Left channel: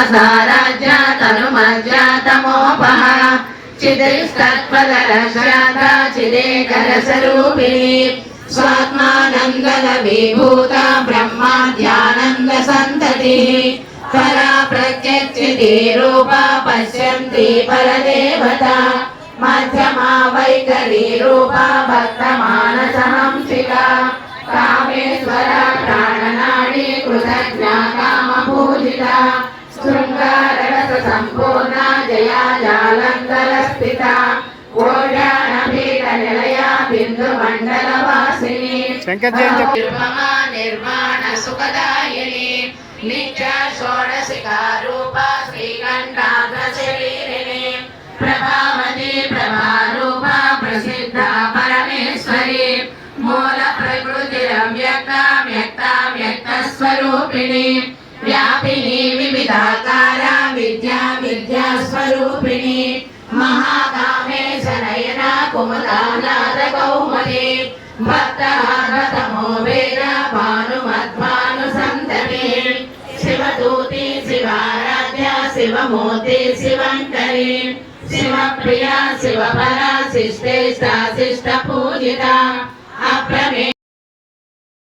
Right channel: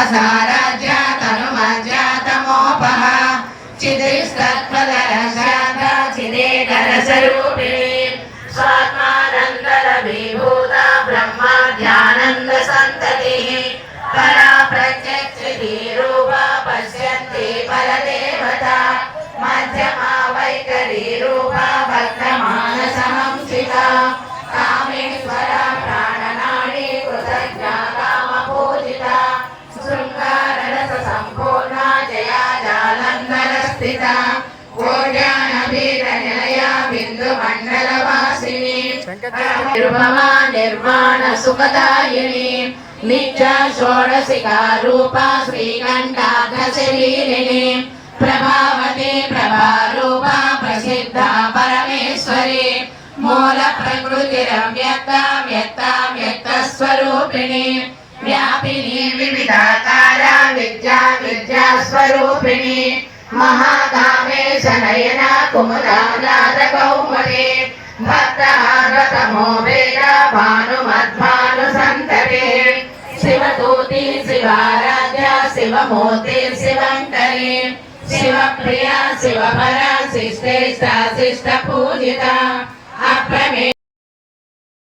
तामसाराज्या तनुमज्जा तमोपः चिद्रिस्तत्पदरशान्ता चिदेकरस्वरूपिणी स्वात्मानन्दविभूता ब्रह्माद्यानन्दसन्ततिः परा प्रत्यक्षिति रूपा पश्यन्ति परदेवता मध्यमा वैखरी रूपा भक्तमानसहंसिता कामेश्वरा प्राणनाडी कृतज्ञा कामपूजिता शृङ्गाररससम्पूर्णा जया जालङ्गरस्थिता ओड्यानभीतनिलया बिन्दुमण्डलवासिनी निर्भमा निर्वाण सुखदायिनी नित्या षोडशिका रूपा श्रीकण्ठाग्रशरीरिणी प्रभावती प्रभारूपा प्रसिद्धा परमेश्वरी मूल प्रकृतिरव्यक्ता व्यक्ता व्यक्तस्वरूपिणी व्यापिनी विविधाकारा विद्या विद्यास्वरूपिणी महाकामेश नयना कुमुदानाथकौमुदी भक्तमार्गतमो वेद भानुमद्भानुसन्तते शिवदूती शिवाराध्या शिवमूर्ति शिवङ्करी शिवप्रिया शिवपरा शिष्टेष्टा शिष्टपूजिता